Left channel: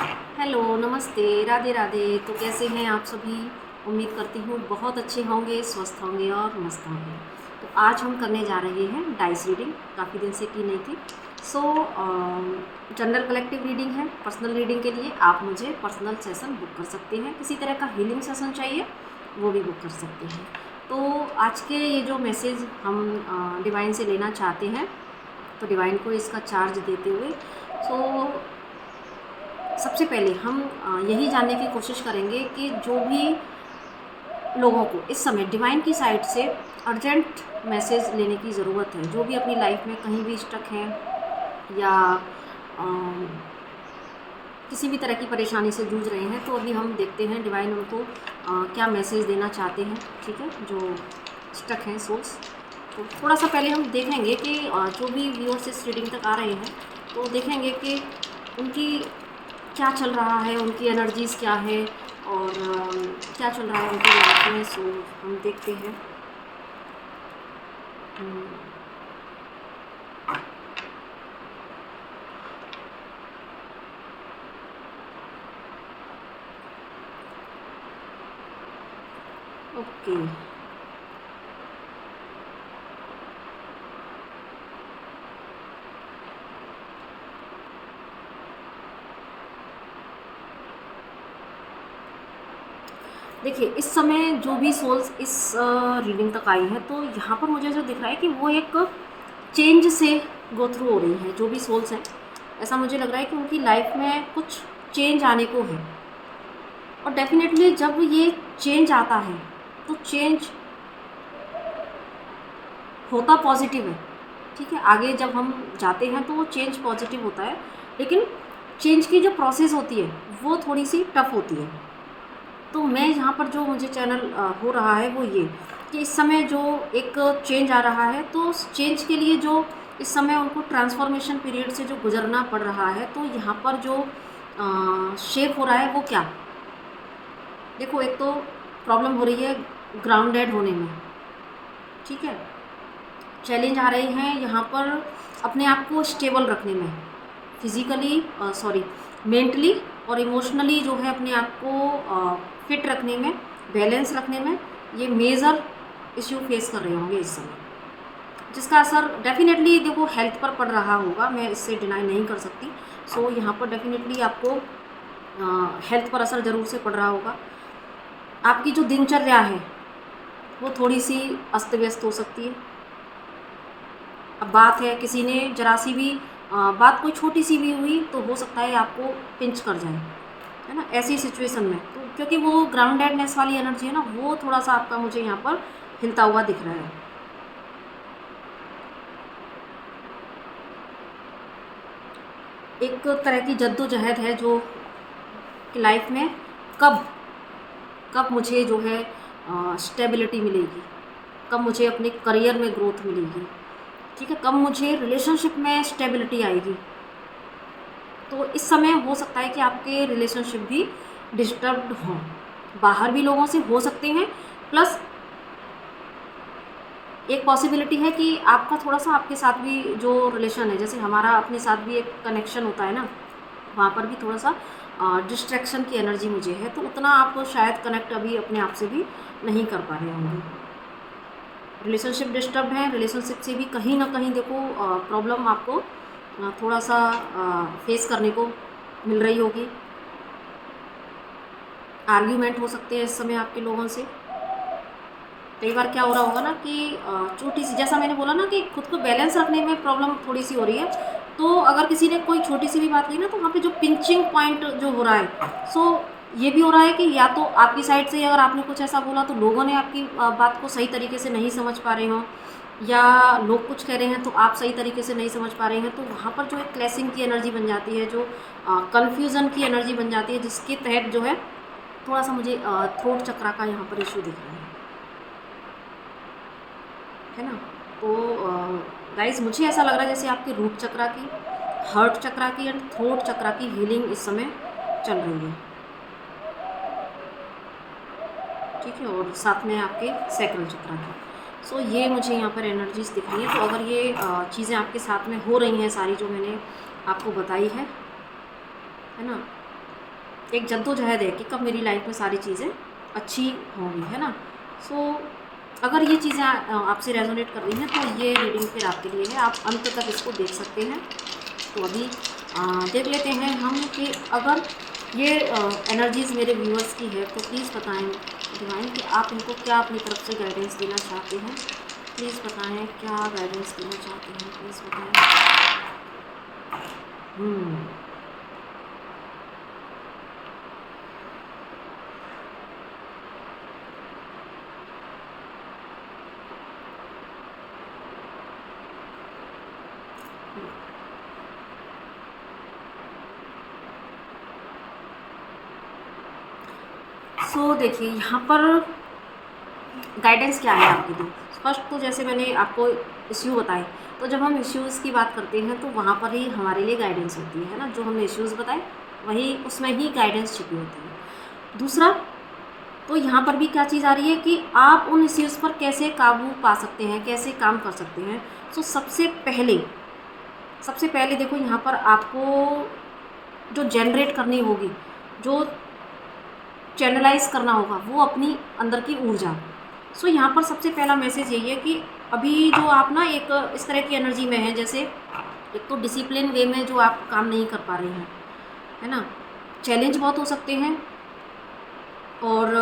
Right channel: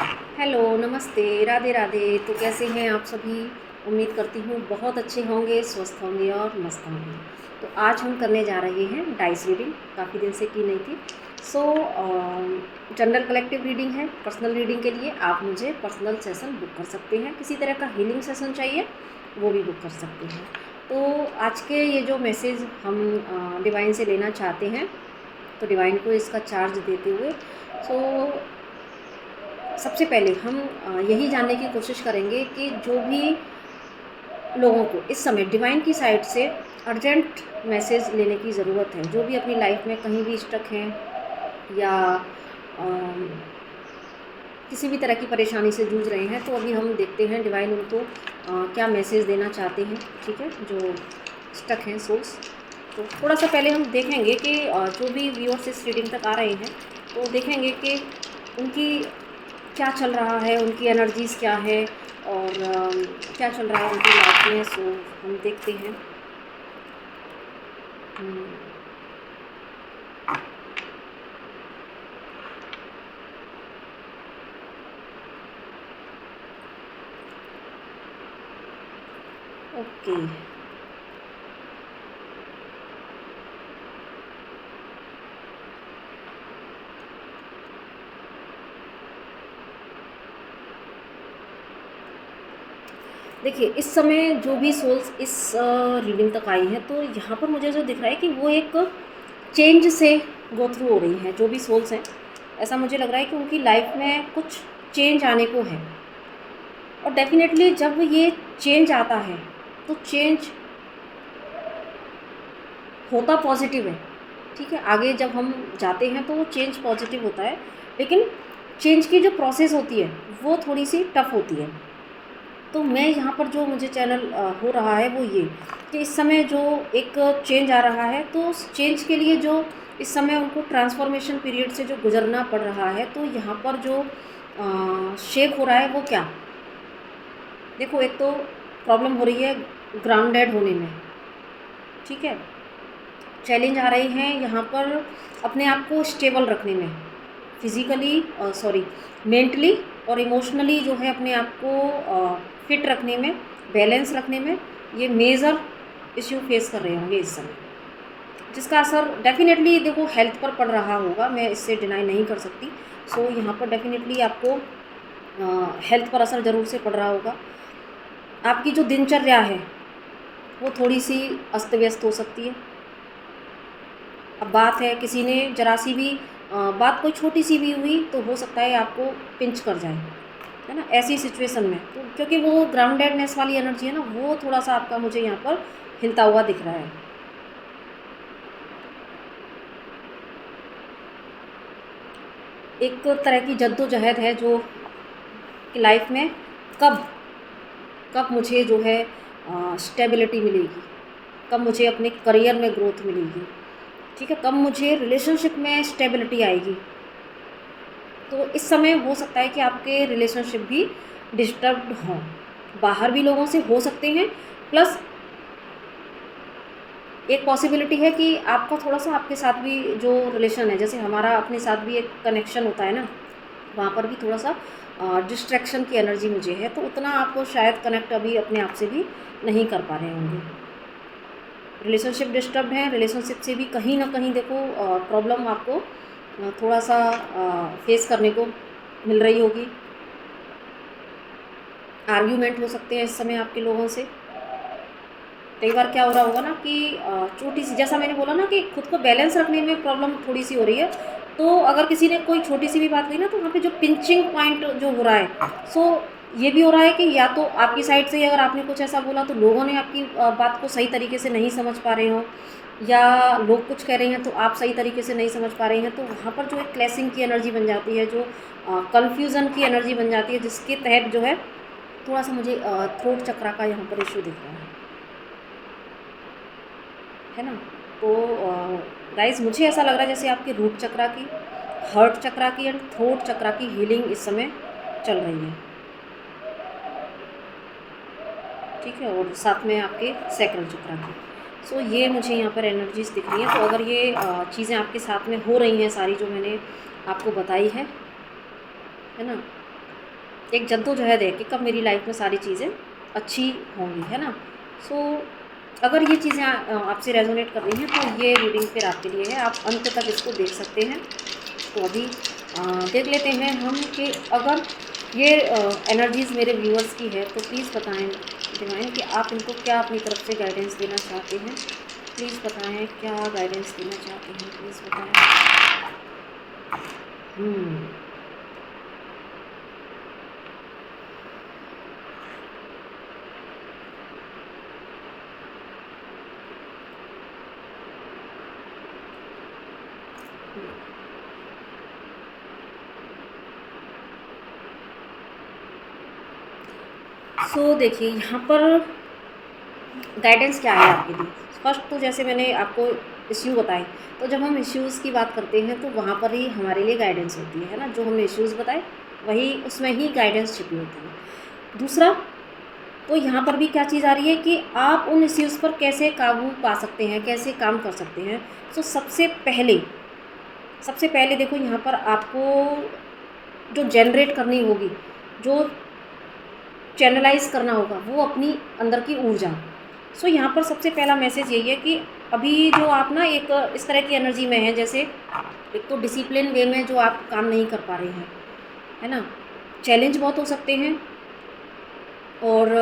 Hello, नमस्ते, राधे राधे। तो कैसे हैं आप सभी? उम्मीद करती हूँ बहुत अच्छे होंगे, स्वस्थ होंगे और मस्त होंगे। तो आज हम करने जा रहे हैं डाइस रीडिंग, काफ़ी दिन से की नहीं थी। सो जनरल कलेक्टिव रीडिंग है। पर्सनल रीडिंग के लिए आप मुझे पर्सनल सेशन बुक कर सकते हैं। किसी तरह का हीलिंग सेशन चाहिए वो भी बुक कर सकते हैं। तो आज के ये जो मैसेज हम डिवाइन से लेना चाहते हैं, तो डिवाइन को इसका चार्ज देते हुए सबसे पहले हम यही जानने की कोशिश करेंगे कि जो भी लोगों को इस समय डिवाइन की साइड से अर्जेंट मैसेज लेने की ज़रूरत है, जो भी अपनी लाइफ में कहीं भी स्टक हैं या अम, किसी भी तरह की परेशानी से जूझ रहे हैं, तो अभी हम देखते हैं डिवाइन उनको क्या मैसेज देना चाहते हैं। ठीक है, जो स्टक हैं सोल्स। तो थोड़ा सा पहले हम देखेंगे कि जो भी व्यूअर्स इस रीडिंग तक आ रहे हैं, तो देखेंगे कि उनकी क्या चल रहा है, उनकी एनर्जीज़ क्या है और क्या चल रहा है उनकी लाइफ में। सो हम देखते हैं। ओके, देखिए इस समय जो भी सोल्स इस रीडिंग तक आई हैं, तो यहाँ पर मुझे जो दिख रहा है कि वो एक चेंज से गो थ्रू हो रही हैं। जो भी सोल्स हैं, ऐसा मुझे लग रहा है कि उनकी लाइफ में कुछ चेंज आने को है। और डेफिनेटली जब ये चेंज आता है तो चेंज होता पॉजिटिव है। ठीक है, आगे जब हम जाते हैं तो वो चेंज पॉजिटिव होता है, लेकिन चेंज की जो प्रोसेस होती है वो थोड़ी सी टफ होती है। तो मैं यहाँ पर जो मुझे चैनल हो रहा है वो ये कि इस समय जो एक चेंज आ रहा है, तो उस चेंज के लिए जो इस समय उनको ट्रांसफॉर्मेशन पीरियड से जो गुजरना पड़ रहा है, तो यहाँ पर जो शेक हो रहा है वो क्या, देखो एक तो प्रॉब्लम हो रही है ग्राउंडेड होने में। ठीक है, चैलेंज आ रहे हैं यहाँ पर अपने आप को स्टेबल रखने में, फिज़िकली मेंटली और इमोशनली जो है अपने आप को फिट रखने में, बैलेंस रखने में। ये मेजर इश्यू फेस कर रहे होंगे इस समय, जिसका असर डेफिनेटली देखो हेल्थ पर पड़ रहा होगा, मैं इससे डिनाई नहीं कर सकती। सो यहाँ पर डेफिनेटली आपको हेल्थ पर असर ज़रूर से पड़ रहा होगा। आपकी जो दिनचर्या है वो थोड़ी सी अस्त व्यस्त हो सकती है। अब बात है किसी ने जरा सी भी बात कोई छोटी सी भी हुई तो हो सकता है आपको पिंच कर जाए, है ना, ऐसी सिचुएशन में। तो क्योंकि वो ग्राउंडेडनेस वाली एनर्जी है ना, वो थोड़ा सा आपका मुझे यहाँ पर हिलता हुआ दिख रहा है। एक तरह की जद्दोजहद है जो कि लाइफ में कब कब मुझे जो है स्टेबिलिटी मिलेगी, कब मुझे अपने करियर में ग्रोथ मिलेगी। ठीक है, कब मुझे रिलेशनशिप में स्टेबिलिटी आएगी। तो इस समय हो सकता है कि आपके रिलेशनशिप भी डिस्टर्ब्ड हों, बाहर भी लोगों से हो सकते हैं, प्लस एक पॉसिबिलिटी है कि आपका थोड़ा सा आपके साथ भी जो रिलेशन है, जैसे हमारा अपने साथ भी एक कनेक्शन होता है ना, वहाँ पर भी थोड़ा सा डिस्ट्रैक्शन की एनर्जी मुझे है। तो उतना आप शायद कनेक्ट अभी अपने आप से भी नहीं कर पा रहे होंगे। रिलेशनशिप डिस्टर्ब है, रिलेशनशिप से भी कहीं ना कहीं देखो प्रॉब्लम आपको थोड़ा सा फेस करने को मिल रही होगी। आर्ग्यूमेंट हो सकते हैं इस समय आपके लोगों से। कई बार क्या हो रहा होगा ना कि छोटी सी, जैसा मैंने बोला ना कि खुद को बैलेंस रखने में प्रॉब्लम थोड़ी सी हो रही है। तो अगर किसी ने कोई छोटी सी भी बात कही ना, तो वहाँ पे जो पिंचिंग पॉइंट जो हो रहा है, सो ये भी हो रहा है कि या तो आपकी साइड से अगर आपने कुछ ऐसा बोला तो लोगों ने आपकी बात को सही तरीके से नहीं समझ पा रहे हों, या लोग कुछ कह रहे हैं तो आप सही तरीके से नहीं समझ पा रहे हैं। तो वहाँ पर जो एक क्लैशिंग की एनर्जी बन जाती है, जो कन्फ्यूज़न की एनर्जी बन जाती है, जिसके तहत जो है थोड़ा सा मुझे थ्रोट चक्रा का यहाँ पर इशू दिख रहा है ना। तो गाइस मुझे ऐसा लग रहा है जैसे आपकी रूट चक्रा की, हार्ट चक्रा की एंड थ्रोट चक्रा की हीलिंग इस समय चल रही है। ठीक है, और साथ में आपके सैक्रल चक्रा की। सो ये मुझे यहाँ पर एनर्जीज दिख रही हैं। तो अगर ये चीज़ें आपके साथ में हो रही हैं सारी जो मैंने आपको बताई है ना, एक जद्दोजहद है कि कब मेरी लाइफ में सारी चीज़ें अच्छी होंगी, है ना। सो अगर ये चीज़ें आपसे रेजोनेट कर रही हैं तो ये रीडिंग फिर आपके लिए है, आप अंत तक इसको देख सकते हैं। तो अभी देख लेते हैं हम कि अगर ये एनर्जीज़ मेरे व्यूअर्स की है तो प्लीज़ बताएं डिवाइन कि आप इनको क्या अपनी तरफ से गाइडेंस देना चाहते हैं। प्लीज़ बताएं क्या गाइडेंस देना चाहते हैं, प्लीज़ बताएं। सो देखिए यहाँ पर गाइडेंस क्या है आपके लिए। फर्स्ट तो जैसे मैंने आपको इश्यू बताए, तो जब हम इश्यूज़ की बात करते हैं तो वहाँ पर ही हमारे लिए गाइडेंस होती है ना, जो हमने इश्यूज़ बताए वही उसमें ही गाइडेंस छिपी होती है। दूसरा तो यहाँ पर भी क्या चीज़ आ रही है कि आप उन इश्यूज़ पर कैसे काबू पा सकते हैं, कैसे काम कर सकते हैं। सो सबसे पहले देखो यहाँ पर आपको जो जनरेट करनी होगी, जो चैनलाइज करना होगा, वो अपनी अंदर की ऊर्जा। सो यहाँ पर सबसे पहला मैसेज यही है कि अभी जो आप ना एक इस तरह की एनर्जी में हैं, जैसे एक तो डिसिप्लिन वे में जो आप काम नहीं कर पा रहे हैं, है ना। चैलेंज बहुत हो सकते हैं और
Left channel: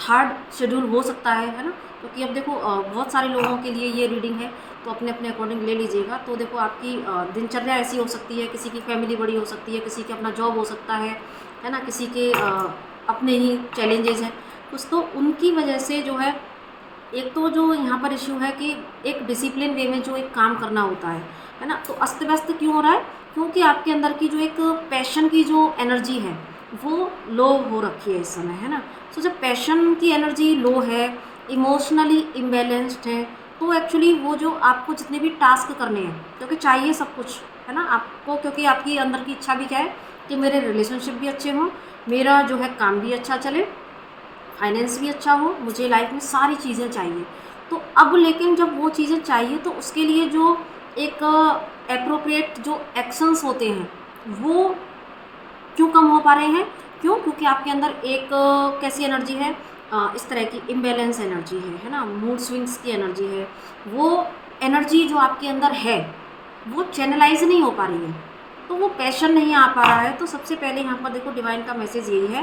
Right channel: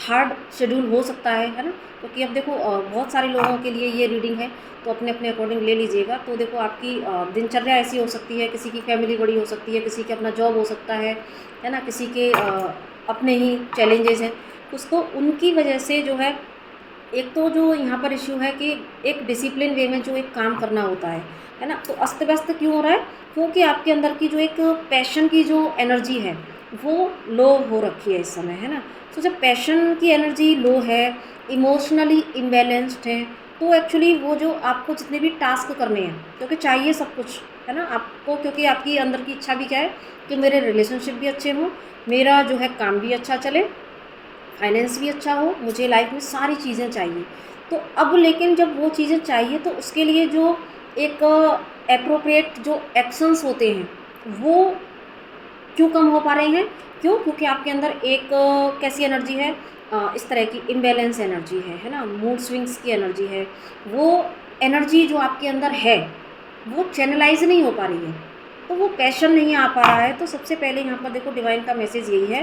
हार्ड शेड्यूल हो सकता है ना। क्योंकि अब देखो बहुत सारे लोगों के लिए ये रीडिंग है, तो अपने अपने अकॉर्डिंग ले लीजिएगा। तो देखो आपकी दिनचर्या ऐसी हो सकती है, किसी की फैमिली बड़ी हो सकती है, किसी का अपना जॉब हो सकता है ना, किसी के अपने ही चैलेंजेस हैं कुछ, तो उनकी वजह से जो है एक तो जो यहाँ पर इश्यू है कि एक डिसिप्लिन वे में जो एक काम करना होता है ना, तो अस्त व्यस्त क्यों हो रहा है, क्योंकि आपके अंदर की जो एक पैशन की जो एनर्जी है वो लो हो रखी है इस समय, है ना। तो जब पैशन की एनर्जी लो है, इमोशनली इम्बैलेंस्ड है, तो एक्चुअली वो जो आपको जितने भी टास्क करने हैं, क्योंकि चाहिए सब कुछ, है ना आपको, क्योंकि आपकी अंदर की इच्छा भी क्या है कि मेरे रिलेशनशिप भी अच्छे हों, मेरा जो है काम भी अच्छा चले, फाइनेंस भी अच्छा हो, मुझे लाइफ में सारी चीज़ें चाहिए। तो अब लेकिन जब वो चीज़ें चाहिए तो उसके लिए जो एक एप्रोप्रिएट जो एक्शंस होते हैं वो क्यों कम हो पा रहे हैं, क्यों, क्योंकि आपके अंदर एक कैसी एनर्जी है, इस तरह की इम्बैलेंस एनर्जी है ना, मूड स्विंग्स की एनर्जी है। वो एनर्जी जो आपके अंदर है वो चैनलाइज नहीं हो पा रही है, तो वो पैशन नहीं आ पा रहा है। तो सबसे पहले यहाँ पर देखो डिवाइन का मैसेज यही है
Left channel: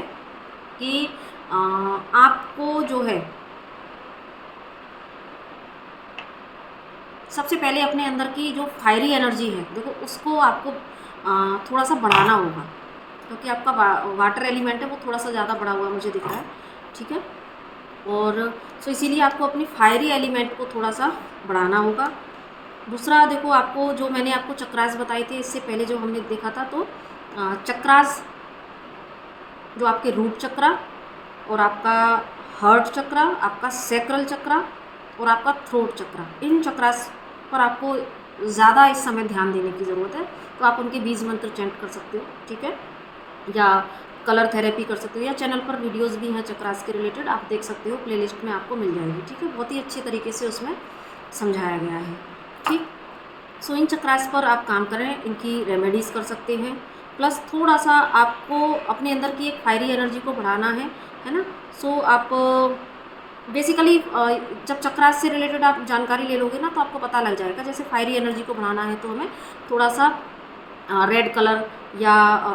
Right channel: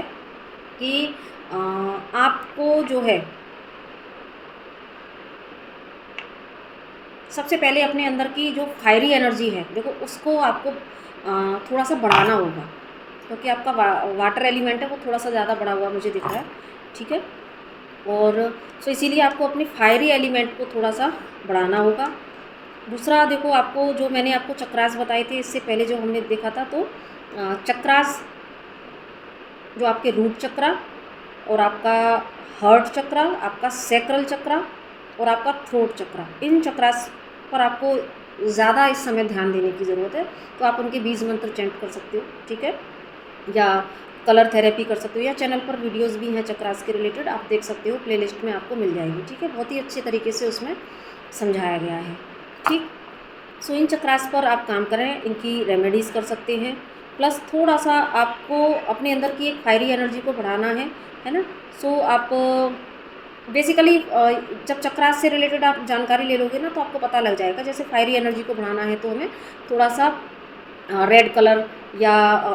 कि आपको जो है सबसे पहले अपने अंदर की जो फायरी एनर्जी है देखो उसको आपको थोड़ा सा बढ़ाना होगा, क्योंकि आपका वाटर एलिमेंट है वो थोड़ा सा ज़्यादा बढ़ा हुआ मुझे दिख रहा है, ठीक है। और सो इसीलिए आपको अपनी फायरी एलिमेंट को थोड़ा सा बढ़ाना होगा। दूसरा देखो आपको जो मैंने आपको चक्रास बताए थे इससे पहले जो हमने देखा था, तो चक्रास जो आपके रूट चक्रा और आपका हार्ट चक्रा, आपका सैक्रल चक्रा और आपका थ्रोट चक्रा, इन चक्रास पर आपको ज़्यादा इस समय ध्यान देने की ज़रूरत है। तो आप उनके बीज मंत्र चैंट कर सकते हो, ठीक है, या कलर थेरेपी कर सकते हो, या चैनल पर वीडियोस भी हैं चक्रास के रिलेटेड, आप देख सकते हो, प्लेलिस्ट में आपको मिल जाएगी, ठीक है। बहुत ही अच्छे तरीके से उसमें समझाया गया है, ठीक। सो इन चक्रास पर आप काम करें, इनकी रेमेडीज़ कर सकते हैं। प्लस थोड़ा सा आपको अपने अंदर की एक फायरी एनर्जी को बढ़ाना है ना। सो आप बेसिकली जब चक्रास से रिलेटेड आप जानकारी ले लोगे ना तो आपको पता लग जाएगा। जैसे फायरी एनर्जी को बढ़ाना है तो हमें थोड़ा सा रेड कलर या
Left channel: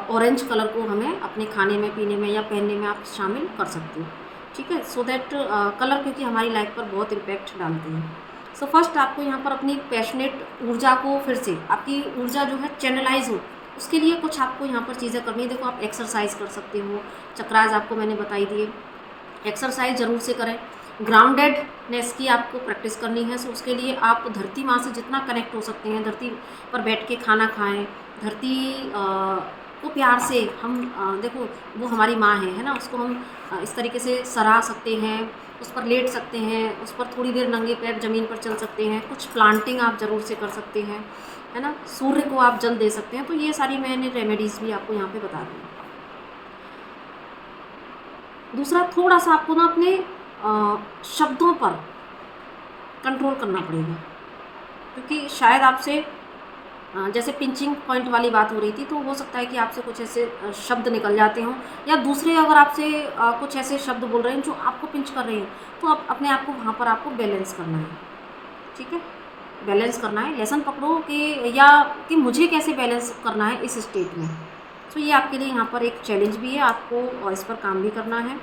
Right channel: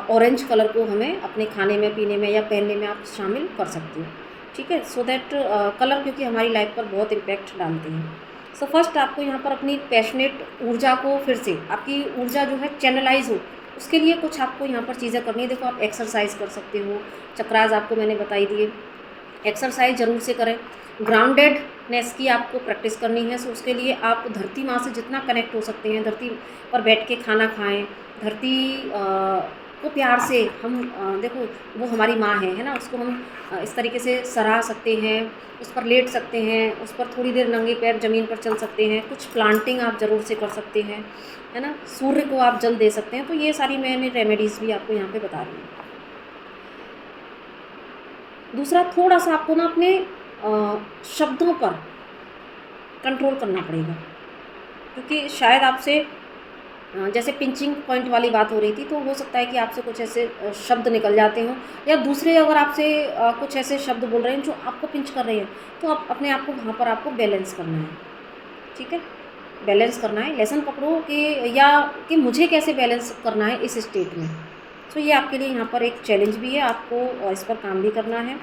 ऑरेंज कलर को हमें अपने खाने में, पीने में या पहनने में आप शामिल कर सकते हो, ठीक है। सो दैट कलर क्योंकि हमारी लाइफ पर बहुत इम्पैक्ट डालते हैं। सो फर्स्ट आपको यहाँ पर अपनी पैशनेट ऊर्जा को फिर से, आपकी ऊर्जा जो है चैनलाइज हो, उसके लिए कुछ आपको यहाँ पर चीज़ें करनी है। देखो आप एक्सरसाइज कर सकते हो, चक्रास आपको मैंने बताई दिए, एक्सरसाइज ज़रूर से करें। ग्राउंडेडनेस की आपको प्रैक्टिस करनी है, सो उसके लिए आप धरती माँ से जितना कनेक्ट हो सकते हैं, धरती पर बैठ के खाना खाएं, धरती को प्यार से हम देखो वो हमारी माँ है ना, उसको हम इस तरीके से सराह सकते हैं, उस पर लेट सकते हैं, उस पर थोड़ी देर नंगे पैर ज़मीन पर चल सकते हैं, कुछ प्लांटिंग आप ज़रूर से कर सकते हैं, है ना। सूर्य को आप जल दे सकते हैं। तो ये सारी मैंने रेमेडीज़ भी आपको यहाँ पे बता रही हूँ। दूसरा थोड़ा सा आपको ना अपने शब्दों पर कंट्रोल करना पड़ेगा, क्योंकि शायद आपसे जैसे पिंचिंग पॉइंट वाली बात हो रही थी, तो हो सकता है कि आपसे कुछ ऐसे शब्द निकल जाते हों, या दूसरे अगर आपसे कुछ ऐसे शब्द बोल रहे हैं जो आपको पिंच कर रहे हैं, तो आप अपने आप को वहाँ पर आपको बैलेंस करना है। ठीक है, बैलेंस करना है, लेसन पकड़ो कि या कि मुझे कैसे बैलेंस करना है इस स्टेट में। तो ये आपके लिए यहाँ पर एक चैलेंज भी है, आपको इस पर काम भी करना है।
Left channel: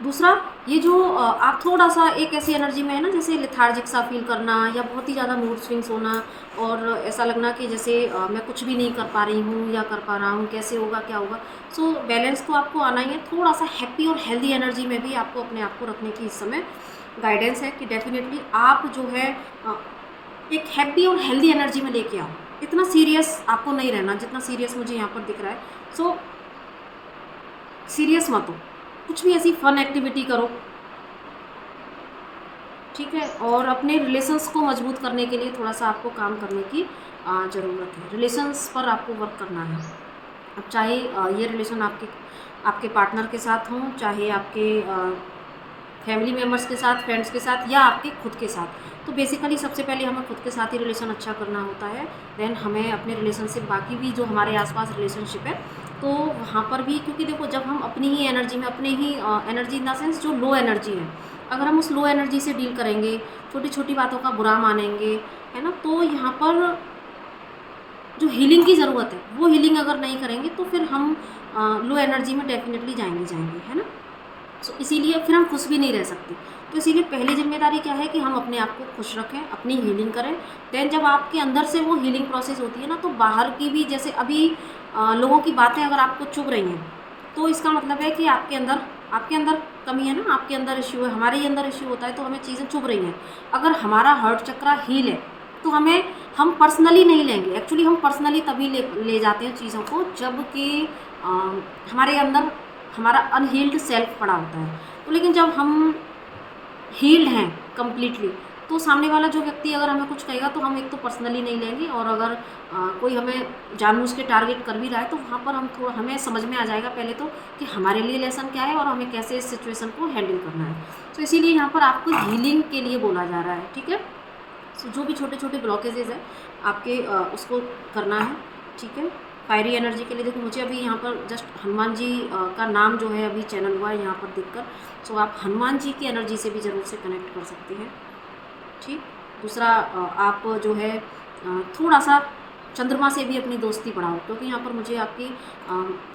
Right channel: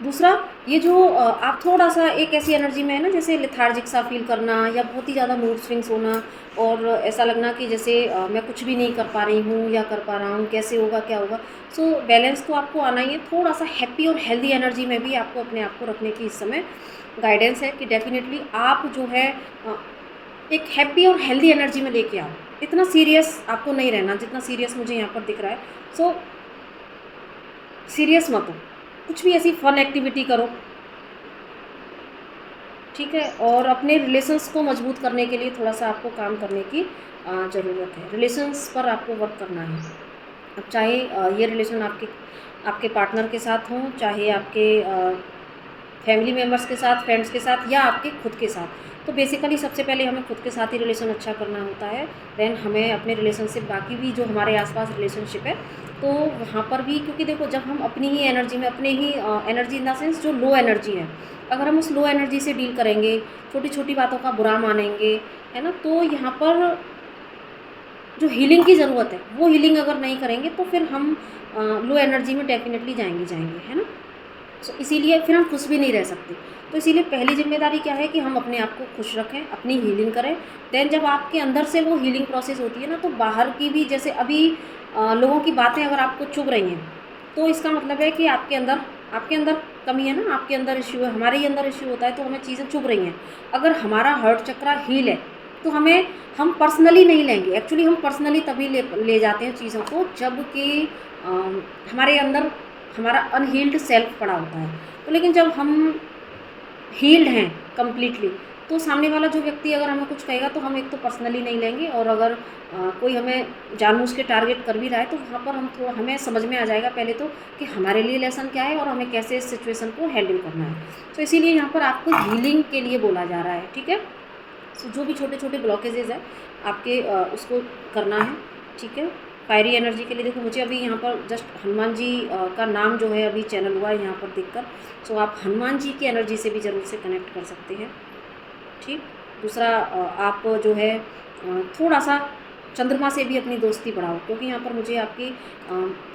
दूसरा, ये जो आप थोड़ा-सा एक ऐसी एनर्जी में है ना, जैसे लेथार्जिक सा फ़ील करना, या बहुत ही ज़्यादा मूड स्विंग्स होना, और ऐसा लगना कि जैसे मैं कुछ भी नहीं कर पा रही हूँ या कर पा रहा हूँ, कैसे होगा, क्या होगा। सो बैलेंस तो आपको आना ही है। थोड़ा-सा हैप्पी और हेल्दी एनर्जी में भी आपको अपने आप को रखने की इस समय गाइडेंस है कि डेफ़िनेटली आप जो है एक हैप्पी और हेल्दी एनर्जी में लेके आओ। इतना सीरियस आपको नहीं रहना जितना सीरियस मुझे यहाँ पर दिख रहा है। सो सीरियस मत हो, कुछ भी ऐसी फ़न एक्टिविटी करो, ठीक है। और अपने रिलेशंस को मजबूत करने के लिए थोड़ा-सा आपको काम करने की ज़रूरत है। रिलेशंस पर आपको वर्क करना है। अब चाहे ये रिलेशन आपके आपके पार्टनर के साथ हों, चाहे आपके फैमिली मेम्बर्स के साथ, फ्रेंड्स के साथ, या आपके खुद के साथ। तो बेसिकली सबसे पहले हमें खुद के साथ ही रिलेशन अच्छा करना होता है। देन हमें अपने रिलेशनशिप, बाकी भी जो हमारे आसपास रिलेशनशिप है, तो वहाँ पर भी, क्योंकि देखो जब हम अपनी ही एनर्जी में, अपने ही एनर्जी इन द सेंस जो लो एनर्जी है, अगर हम उस लो एनर्जी से डील करेंगे, छोटी छोटी बातों का बुरा मानेंगे, है ना, तो यहाँ पर जो हीलिंग की ज़रूरत है वो हीलिंग अगर नहीं करेंगे, तो फिर हम लो एनर्जी में डेफिनेटली जाएंगे, है ना। सो इसीलिए फिर हम खुश भी नहीं रह सकते। तो इसीलिए पहली जिम्मेदारी क्या है कि हम अपने आप को खुश रखें, अपनी हीलिंग करें। देन जब आपके अंदर से वो हीलिंग प्रोसेस होती है ना, तो बाहर की भी, जैसे अभी लोगों की बातें अगर आपको चुभ रही हैं, तो इसका मतलब है कि आपके अंदर कमी है ना, आपके अंदर इश्यू है, हमारे ही अंदर इश्यू होता है, तो हमें चीज़ें चुभ रही हैं। अगर हमारा हर्ट चक्रा हील है, तो हम पर्सनली नहीं लेंगे। एक्चुअली हम पर्सनली तभी ले जाते हैं चीज़ों को, जब कि हमारे अंदर हमारा अनहील्ड सेल्फ पड़ा होता है। तो लेकिन जब हम हील्ड हैं कम्प्लीटली, तो सामने वाला जो व्यक्ति अगर हमें कुछ कहेगा, तो हम एक तो पर्सनली नहीं लेंगे, और अगर कोई हमें जानबूझ के टारगेट कर भी रहा है, तो वहाँ पर हमें समझ में आ जाएगा पहले तो कि हमारे लिए लेसन क्या है और हमें कैसे इस सिचुएशन को हैंडल करना है। तो इसीलिए यहाँ पर आपको हीलिंग के लिए बोला जा रहा है, ठीक है। सो जो भी छोटे छोटे ब्लॉकेजेज हैं आपके, उसको करना है, ठीक है। फायरी एनर्जी के लिए देखो, मुझे अभी यहाँ पर जस्ट हनुमान जी का नाम जो है अभी चैनल हुआ है यहाँ पर देखकर। सो आप हनुमान जी की एनर्जी से भी ज़रूर से कनेक्ट कर सकते हैं, ठीक। दूसरा, आप जो है थोड़ा सा चंद्रमा से भी अपनी दोस्ती बढ़ाओ, क्योंकि यहाँ पर मुझे आपकी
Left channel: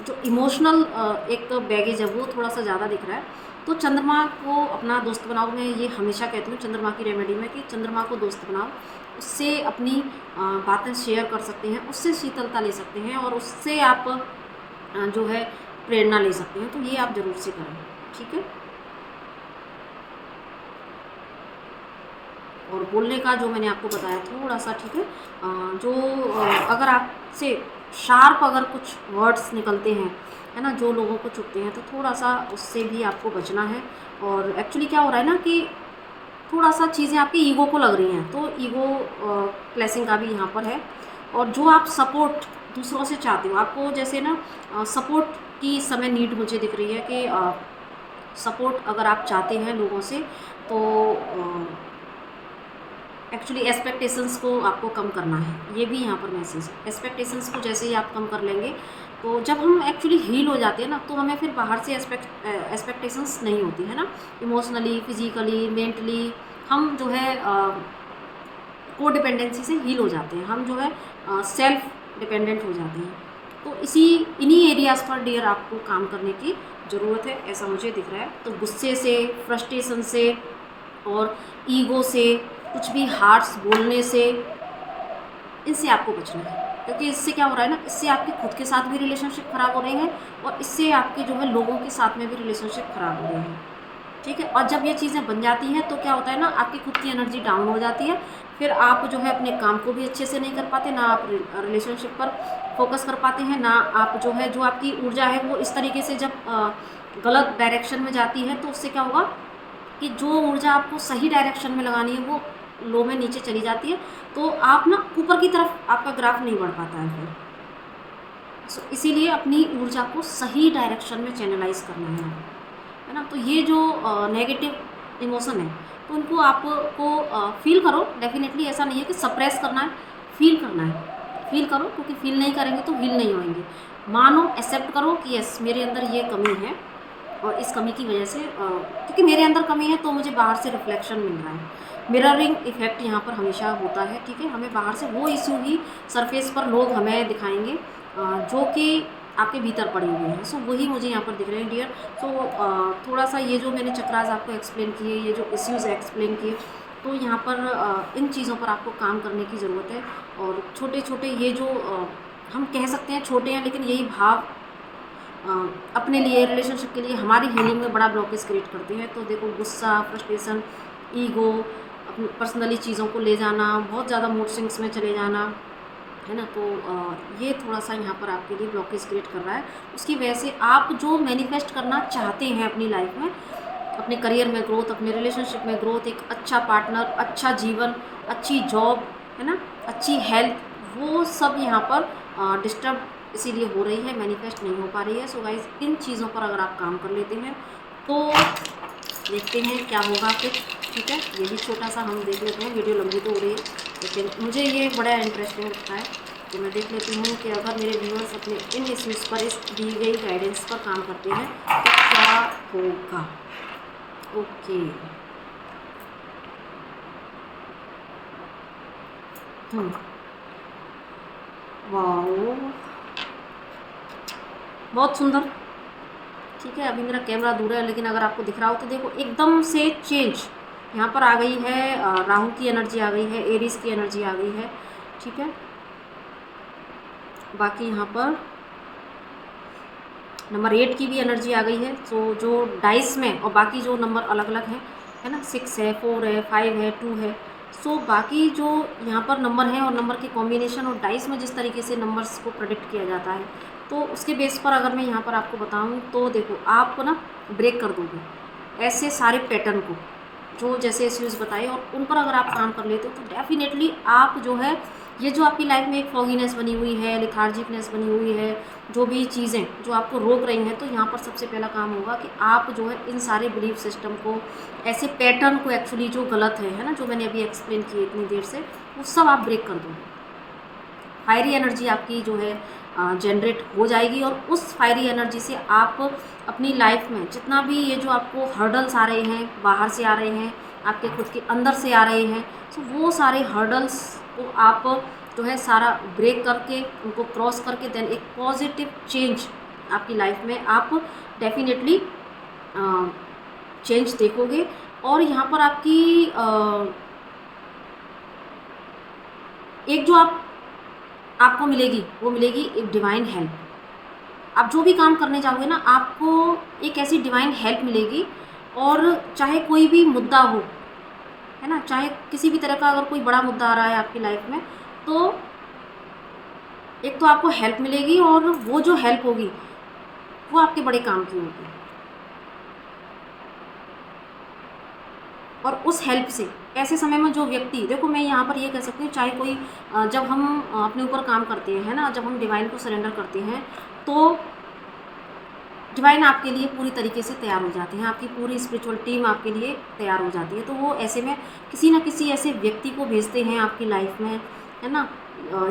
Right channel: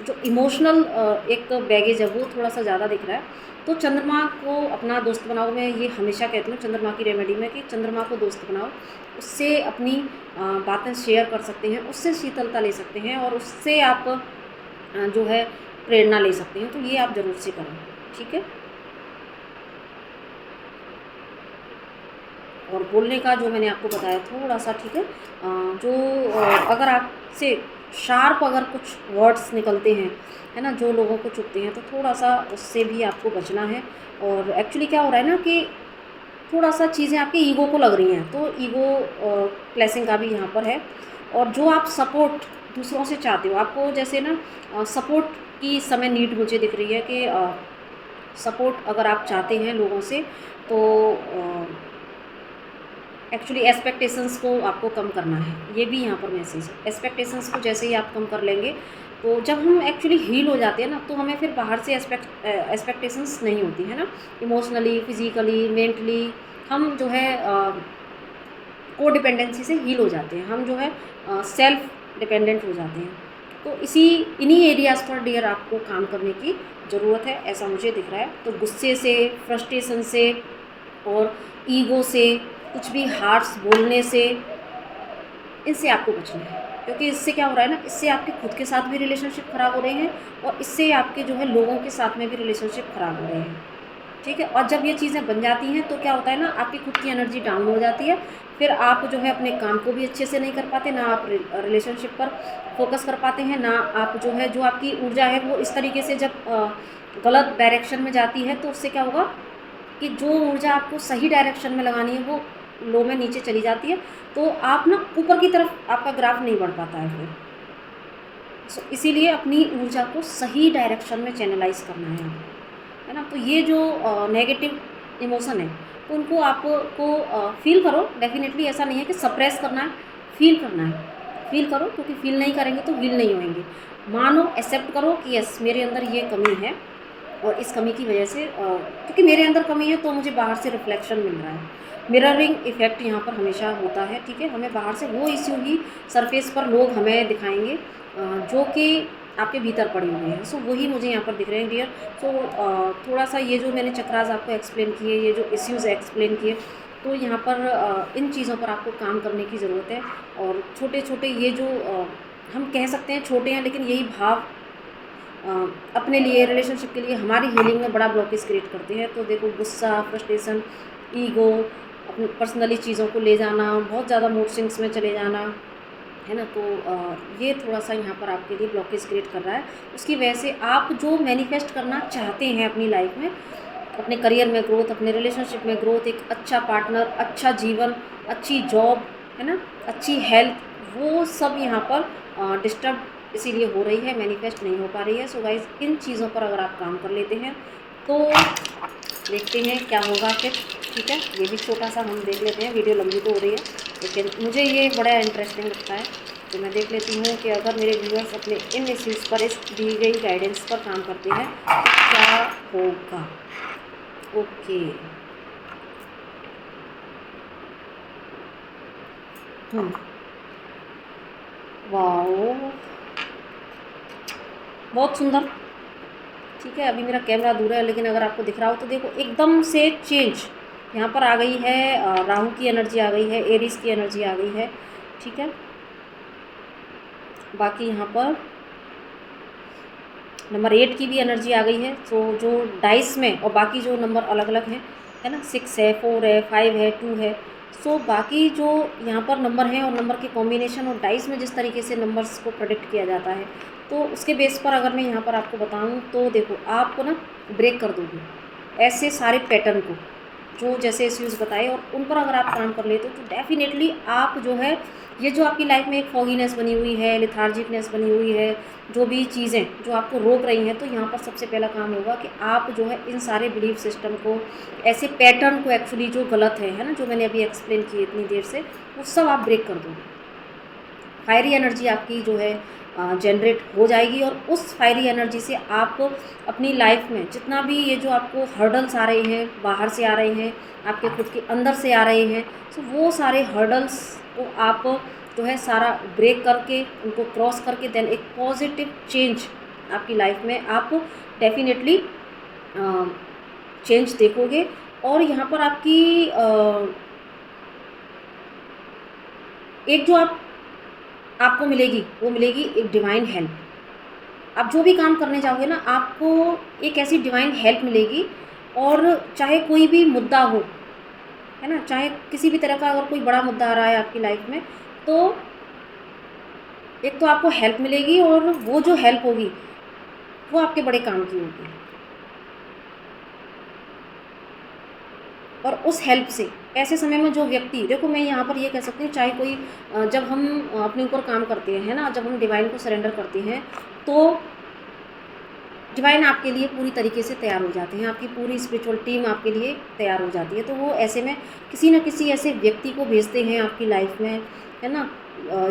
जो इमोशनल एक बैगेज है वो थोड़ा सा ज़्यादा दिख रहा है। तो चंद्रमा को अपना दोस्त बनाओ। मैं ये हमेशा कहती हूँ चंद्रमा की रेमेडी में कि चंद्रमा को दोस्त बनाओ, उससे अपनी बातें शेयर कर सकते हैं, उससे शीतलता ले सकते हैं, और उससे आप जो है प्रेरणा ले सकते हैं। तो ये आप ज़रूर से करें, ठीक है। और बोलने का जो मैंने आपको बताया थोड़ा सा, ठीक है, जो अगर आपसे शार्प अगर कुछ वर्ड्स निकलते हैं, है ना, जो लोगों को चुभते हैं, तो थोड़ा सा उससे भी आपको बचना है। और एक्चुअली क्या हो रहा है ना कि थोड़ा सा चीज़ें आपकी ईगो को लग रही हैं, तो ईगो क्लैशिंग का भी यहाँ पर है। और जो आप सपोर्ट दूसरों से चाहते हो, आपको जैसे ना सपोर्ट की इस समय नीड मुझे दिख रही है कि सपोर्ट अगर आप चाहते हैं लोगों से, तो एक्चुअली एक्सपेक्टेशंस को आपको कम करना है, ये भी यहाँ पर मैसेज है। एक्सपेक्टेशंस को जैसे ही आप कम कर लेंगे, तो जब हम एक्चुअली हील हो जाते हैं ना, तो हमें फिर बाहर से एक्सपेक्टेशंस नहीं होती है ना। इमोशनली, फिजिकली, मेंटली हम जो है को डिपेंडेंसी से हील हो जाते हैं, हम जो है सेल्फ डिपेंडेंट हो जाते हैं। तो इन्हीं एरियाज़ पर डियर आपको काम करने की ज़रूरत है, ऐसा मुझे दिख रहा है। तो गुस्से से, फ्रस्ट्रेशन से और ईगो से, कुछ भी हार्श बोलने से, इनसे आपको बचना है। क्योंकि इससे क्या हो रहा है ना, इससे आपके खुद के साथ भी रिलेशनशिप ख़राब हो रहे हैं, और इससे आपके जो है लोगों के साथ में भी रिलेशनशिप ख़राब हो रहे हैं, ठीक है। और जब ये चीज़ें बन जाती हैं, तो क्या होता है ना, आपकी खुद की एनर्जी डाउन हो जाती है। फिर आप जो है अपने काम को भी अच्छे से नहीं कर पाते, ना आप रिलेशनशिप पर फोकस कर पाते हैं, ना आप जो है, जो आपकी ऊर्जा है वो इस तरीके से जब गलत डायरेक्शन में जाती है, तो उससे क्या होगा कि जो ऊर्जा आपको सही डायरेक्शन में लगानी है वो लो में नीचे चली जाती है। तो आप ना ऊपर की तरफ आपका ग्राफ नहीं बढ़ पाता है फिर। सो इसीलिए अपनी ऊर्जा को सही डायरेक्शन में चैनलाइज करना है आपको, है ना। तो ये जो नेगेटिव इमोशन है, तो उनको आपको फील करो। डेफिनेटली ऐसा नहीं है कि सप्रेस करना है, फील करना है, फील करो, क्योंकि फील नहीं करेंगे तो हील नहीं होएंगे। मानो, एक्सेप्ट करो कि यस मेरे अंदर ये कमी है, और इस कमी की वजह से क्योंकि मेरे अंदर कमी है तो मुझे बाहर से रिफ्लेक्शन मिल रहा है। मिररिंग इफ़ेक्ट यहाँ पर हमेशा होता है, ठीक है। हमें बाहर से वो इश्यू ही सरफेस पर लोग हमें दिखाएंगे जो कि आपके भीतर पड़े हुए हैं। सो वही मुझे यहाँ पर दिख रहे हैं डियर। सो थोड़ा सा ये जो मैंने चक्रास आपको एक्सप्लेन किए, ये जो इश्यूज़ एक्सप्लेन किए, तो यहाँ पर इन चीज़ों पर आपको काम करने की ज़रूरत है। और छोटे छोटे ये जो हम कह सकते हैं छोटे हैं, लेकिन यही भाव अपने लिए, रिलेशनशिप के लिए, हमारी हीलिंग में बड़ा ब्लॉकेज क्रिएट करते हैं। तो देखो, गुस्सा, फ्रस्ट्रेशन, ईगो, अपनी पर्सनली चीज़ों को ले जाना, बहुत ज़्यादा मूड स्विंग्स में चले जाना, है ना। तो ये थोड़ा सा यहाँ पर आपके लिए ब्लॉकेज क्रिएट कर रहा है। उसकी वजह से आप जो मैनिफेस्ट करना चाहते हैं अपनी लाइफ में, अपने करियर में ग्रोथ, अपने रिलेशनशिप में ग्रोथ, एक अच्छा पार्टनर, अच्छा जीवन, अच्छी जॉब, है ना, अच्छी हेल्थ, वो सब यहाँ पर डिस्टर्ब इसीलिए हो रही है, मैनिफेस्ट नहीं हो पा रही है। सो गाइज, इन चीज़ों पर अगर आप काम कर लेते हैं तो देखते हैं क्या होगा फिर, ठीक है। ये भी छोटा सा हम देख लेते हैं, वीडियो लंबी तो हो रही है, लेकिन मुझे ये बड़ा इंटरेस्टिंग लगता है। तो मैं देख लेती हूँ कि अगर मेरे व्यूअर्स अपने इन इश्यूज़ पर, इस दी गई गाइडेंस पर काम करते हैं तो क्या होगा। ओके, वाओ, बहुत सुंदर, ठीक है। अभी मेरा कैमरा दूर है, लेकिन अगर आपको दिख रहा हो तो देखो, एकदम से चेंज यहाँ पर आ गई है। राहु की एनर्जी आ गई है, एरीज की एनर्जी आ गई है, ठीक है। बाकी यहाँ पर नंबर 8 की भी एनर्जी आ गई है। तो जो डाइस में, और बाकी जो नंबर अलग अलग हैं, है ना, 6 है, 4 है, 5 है, 2 है। सो बाकी जो यहाँ पर नंबर हैं और नंबर के कॉम्बिनेशन और डाइस में जिस तरीके से नंबर्स को प्रेडिक्ट किया जाता है, तो उसके बेस पर अगर मैं यहाँ पर आपको बताऊँ तो देखो, आप ना ब्रेक कर दोगे ऐसे सारे पैटर्न को, जो जैसे इश्यूज़ बताए, और उन पर अगर आप काम कर लेते हो तो डेफिनेटली आप जो है, ये जो आपकी लाइफ में एक फॉगीनेस बनी हुई है, लिथार्जिकनेस बनी हुई है, जो भी चीज़ें जो आपको रोक रही हैं, तो यहाँ पर सबसे पहला काम होगा कि आप जो है इन सारे बिलीफ सिस्टम को, ऐसे पैटर्न को, एक्चुअली जो गलत है ना, जो मैंने अभी एक्सप्लेन किए इतनी देर से, वो सब आप ब्रेक कर दोगे। फायरी एनर्जी आपकी जो है जनरेट हो जाएगी, और उस फायरी एनर्जी से आप अपनी लाइफ में जितना भी ये जो आपको हर्डल्स आ रहे हैं, बाहर से आ रहे हैं, आपके खुद के अंदर से आ रहे हैं, तो वो सारे हर्डल्स को आप जो है सारा ब्रेक करके, उनको क्रॉस करके, देन एक पॉजिटिव चेंज आपकी लाइफ में आप डेफिनेटली चेंज देखोगे। और यहाँ पर आपकी एक जो आपको मिलेगी, वो मिलेगी एक डिवाइन हेल्प। आप जो भी काम करने जाओगे ना, आपको एक ऐसी डिवाइन हेल्प मिलेगी। और चाहे कोई भी मुद्दा हो, है ना, चाहे किसी भी तरह का अगर कोई बड़ा मुद्दा आ रहा है आपकी लाइफ में, तो एक तो आपको हेल्प मिलेगी, और वो जो हेल्प होगी वो आपके बड़े काम की होगी। और उस हेल्प से ऐसे समय में जो व्यक्ति, देखो मैं यहाँ पर ये कह सकती हूँ, चाहे कोई जब हम अपने ऊपर काम करते हैं ना, जब हम डिवाइन को सरेंडर करते हैं, तो डिवाइन आपके लिए पूरी तरीके से तैयार हो जाते हैं, आपकी पूरी स्पिरिचुअल टीम आपके लिए तैयार हो जाती है। तो वो ऐसे में किसी न किसी ऐसे व्यक्ति को भेजते हैं आपकी लाइफ में, है ना,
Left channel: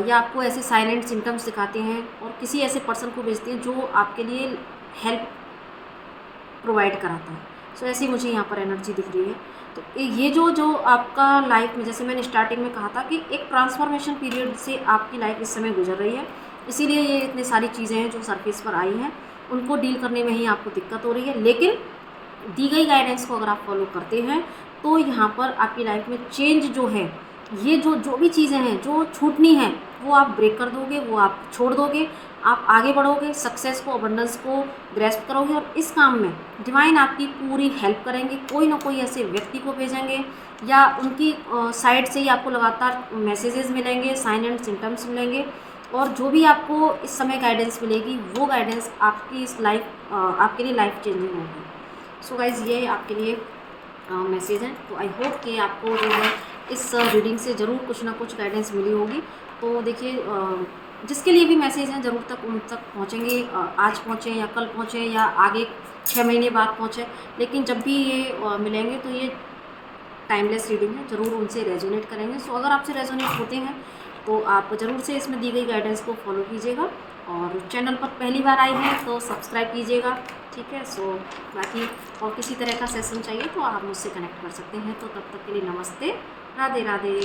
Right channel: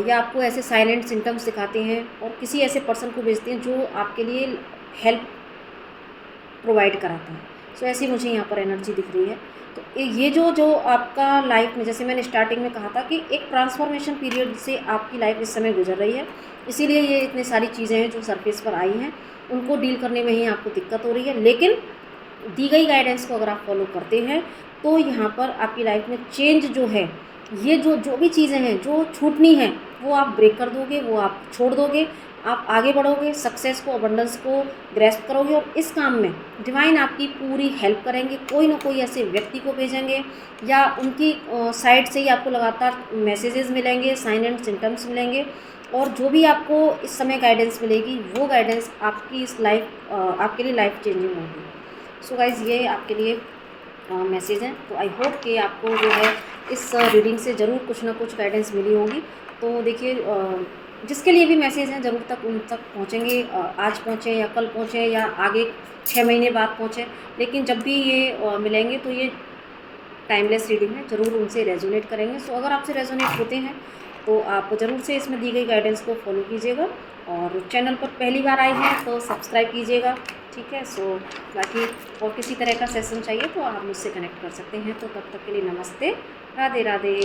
या आपको ऐसे साइलेंट सिम्टम्स दिखाते हैं, और किसी ऐसे पर्सन को भेजते हैं जो आपके लिए हेल्प प्रोवाइड कराता है। सो ऐसी मुझे यहाँ पर एनर्जी दिख रही है। तो ये जो आपका लाइफ में, जैसे मैंने स्टार्टिंग में कहा था कि एक ट्रांसफॉर्मेशन पीरियड से आपकी लाइफ इस समय गुजर रही है, इसीलिए ये इतनी सारी चीज़ें हैं जो सरफेस पर आई हैं, उनको डील करने में ही आपको दिक्कत हो रही है। लेकिन दी गई गाइडेंस को अगर आप फॉलो करते हैं तो यहाँ पर आपकी लाइफ में चेंज जो है, ये जो भी चीज़ें हैं जो छूटनी हैं, वो आप ब्रेक कर दोगे, वो आप छोड़ दोगे, आप आगे बढ़ोगे, सक्सेस को, अबंडेंस को ग्रैस्प करोगे। और इस काम में डिवाइन आपकी पूरी हेल्प करेंगे, कोई ना कोई ऐसे व्यक्ति को भेजेंगे, या उनकी साइड से ही आपको लगातार मैसेजेस मिलेंगे, साइन एंड सिम्टम्स मिलेंगे, और जो भी आपको इस समय गाइडेंस मिलेगी, वो गाइडेंस आपकी इस लाइफ आपके लिए लाइफ चेंजिंग होगी। सो गाइज़, ये आपके लिए मैसेज है। तो आई होप कि आपको जो है इस रीडिंग से ज़रूर कुछ ना कुछ गाइडेंस मिली होगी। तो देखिए, जिसके लिए भी मैसेज हैं ज़रूर तक उन तक पहुँचेंगे, आज पहुँचे या कल पहुँचे या आगे 6 महीने बाद पहुँचे, लेकिन जब भी ये मिलेंगे तो ये टाइमलेस रीडिंग है, ज़रूर उनसे रेजोनेट करेंगे। सो अगर आपसे रेजोनेट होते हैं तो आप ज़रूर से इसमें दी गई गाइडेंस को फॉलो कीजिएगा, और चैनल पर पहली बार आए हैं तो सब्सक्राइब कीजिएगा, ठीक है। सो बाकी और किसी तरह का सेशन चाहिए तो आप मुझसे कनेक्ट कर सकते हैं। तो तब तक के लिए नमस्ते, राधे राधे।